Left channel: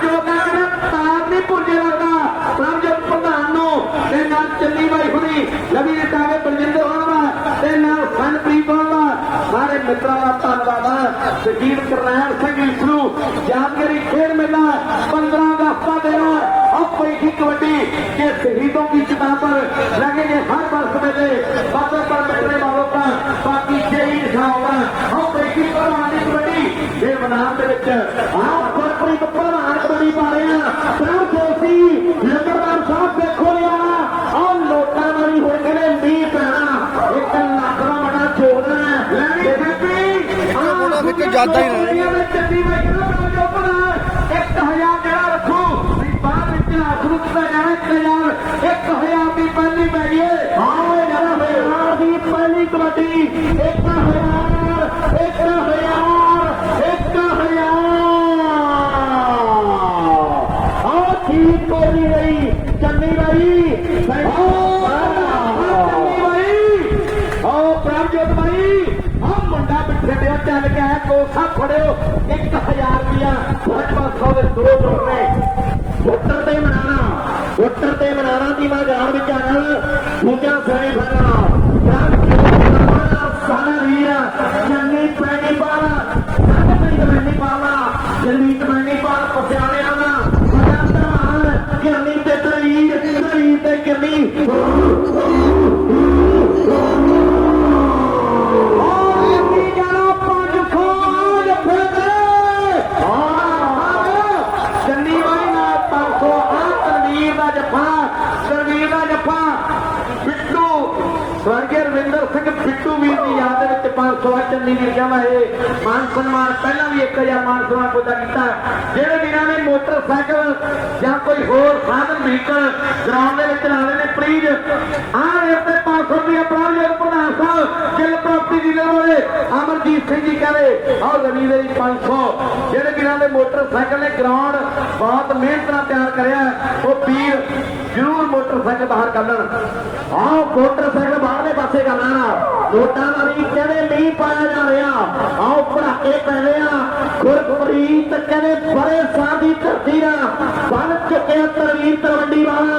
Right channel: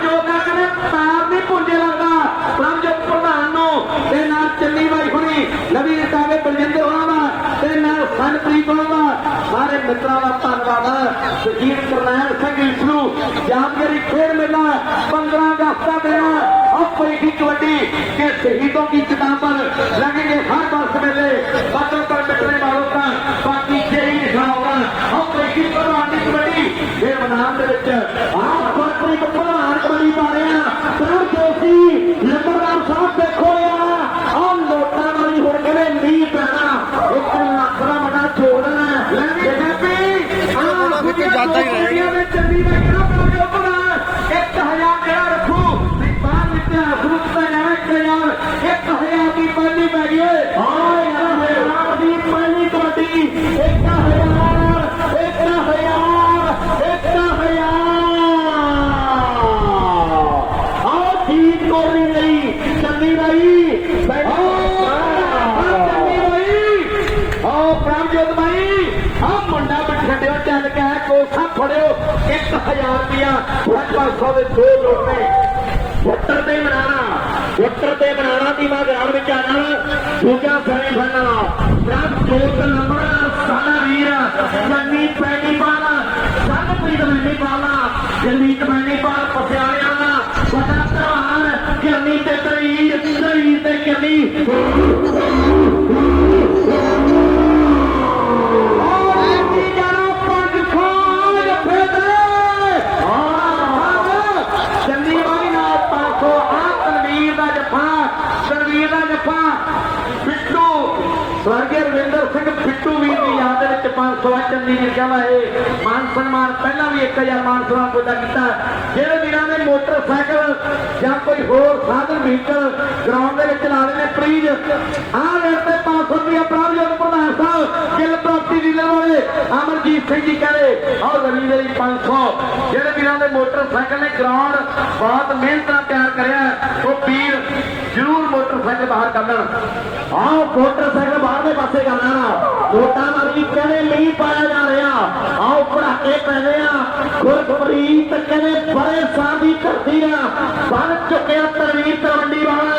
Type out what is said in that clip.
ਪ੍ਰਭਜੋਤ ਦਾ ਕਿਤੇ ਪੈਰ ਨਹੀਂ ਪੁੰਜੇ ਲੱਗਦਾ ਪ੍ਰਭਜੋਤ ਪ੍ਰਧਾਨ ਨੂੰ ਤੇ ਨਾਲ ਚੰਨੀ ਬਾਈ ਹੁਣੀ ਲਵੀ ਟਾਵੇ ਬਲਜਿੰਦਰ ਹੋਣਾ ਤੇ ਨਾਲ ਸੰਪ੍ਰੀਤ ਹੋਣਾ ਸਾਰੇ ਮਿੱਤਰਾਂ ਦਾ ਧੰਨਵਾਦ ਹੈ ਜਗੀਰ ਕਰਨਾਲ ਸਿੰਘ ਇਸ ਨੂੰ ਜਾਣਕਾਰੀ ਖੇਡ ਮੇਲਾ 15 ਅਗਸਤ ਦਾ ਦਿਨ ਆਪਣੀ की कबड्डी के शहीदों की चिता पर लगेंगे हर वर्ष मेले पत्थर पर मिटने वालों का बाकी यही निशान होगा अपनी की कबड्डी कबड्डी ये मैदान के ਜੋੜਨਾ ਹੈ ਦੇਖੀ ਆਹ ਮੁੱਕੇ ਜ਼ਿਆਦਾ ਹੀ ਰਹੇ ਨੇ। ਚੰਗੀ ਬਾਈ ਕਹਿੰਦਾ ਬਣਾ ਜੋ ਬਣਾ 1000 ਜਿਹੜਾ ਰੱਖੋ ਨਹੀਂ ਬਾਹਰ ਇਤਿਹਾਸ ਰੁਕਦਾ ਜਾਵੇ ਕਯਾਲ 1000 ਦੀ ਪਹਿਲੀ ਪੈ ਗਈ ਹਾਂ ਯਾਰ ਹਜ਼ਾਰ ਦੀ ਪਹਿਲੀ ਕਬੱਡੀ 1000 1000 1000 ਠੀਕ ਕਰਨੀ ਗਈ ਚੰਨੀ ਬਾਈ ਚੰਨੀ ਬਾਈ ਆਓ ਪ੍ਰਭਜੋਤ ਬਾਈ ਆ ਮੁੰਡਾ ਬਿਠੜਿਓ ਚੱਲ ਗਿਆ ਕੋਸਾ ਫੜਿਓ। 1000 ਰੁਪਿਆ ਫੋਟਾ ਖੋਲੇ ਦੋ ਲੋਕੇ ਫੋਟਰ ਤੇ ਮਨਾਣਾ। ਫੋਟਰ ਤੇ ਮਨਾਣਾ ਦੀ ਮੈਂ ਗਰਾਊਂਡ ਵਿੱਚ ਆਣਾ ਦੂਜਾ ਸਰੇ ਫੜਨਾ ਪ੍ਰਭਜੋਤ ਸਾਡਾ ਵੀਰ ਚੰਨੀ ਪੈਣੀ ਬਾਲਾ। ਸਭ ਪੀੜ ਮੈਨੇ ਪਾਲਾ ਜਮੀਤ ਮੈਨੇ ਪਾਲ ਪਸਿਆਲੇ ਵਾਲਾ ਸਾਡਾ ਧਾਰ ਕਿਰਨੀ ਤੇ ਤਰੀਰ ਤਰੀਰ ਤੇ ਕਿਰਨੀ ਤਨਵੀਰ ਬਿੱਟੂ ਸਵਰਗੀ ਰਵਿੰਦਰ ਸਿੰਘ ਬਿੱਟੂ ਵੀਰ ਦੀ ਯਾਦ ਦੇ ਵਿੱਚ 500 ਆ ਚੰਨੀ ਵੀਰ ਕਹਿੰਦਾ ਇਹ ਮਾਨ ਸਨਮਾਨ ਪਹਿਲਾਂ ਵੀ 1000 ਮਾਨ ਸਨਮਾਨ ਕੋਦਾ ਕੀਤਾ। ਜਿਹੜੇ ਵੀਰਾਂ ਨੇ ਮੋਟਰਸਾਈਕਲ ਜਾਂ ਕੋਈ ਹੋਰ ਸਾਧਨ, ਵਹੀਕਲ ਗਰਾਊਂਡ ਦੇ ਵਿੱਚ ਲਾਣੇ ਨੇ ਪਲੀਜ਼ ਆਹ ਰੇਟ ਤੇ 500 ਰੁਪਏ ਪ੍ਰਾਪਤ ਪ੍ਰਧਾਨ ਗਿੱਲ ਪ੍ਰਾਪਰਟੀ ਵਾਲੇ ਅਮਰਜੀਤ ਸਿੰਘ ਜੀ ਕਹਿੰਦੇ ਆਹ ਗਲੀ ਦੇ 500 ਜਿਹੜੇ ਵੀਰਾਂ ਦੇ ਮੋਟਰਸਾਈਕਲ ਨੇ ਗਰਾਊਂਡ ਬਹੁਤ ਮਿਹਨਤ ਨਾਲ ਤਿਆਰ ਕਰਿਆ ਉਹ ਵੀਰ ਜ਼ਰੂਰ ਮੋਟਰਸਾਈਕਲ ਬਾਹਰ ਕੱਢਣ। ਆਹ ਮੋਟਰਸਾਈਕਲ ਬਾਹਰਲੇ ਪਾਸੇ ਕਰਨਾ ਨਾ ਲੋਟਾਂ ਵਾਲੀ ਕਹਿੰਦੇ ਮੀਂਹ ਪਾਇਆ ਜਾ ਰਿਹਾ? ਆਓ ਭੜਾਕੇ ਪੈਣੇ ਆ। ਗੁਰਪ੍ਰੀਤ ਕਹਿੰਦੇ ਬੜੇ ਸਾਹ ਦੀ ਧਰਤੀ ਦਾ ਬਣ ਚੁੱਕਿਆ ਤਰਵੀਰ ਤਲਵੰਡੀ ਵਾਲਾ।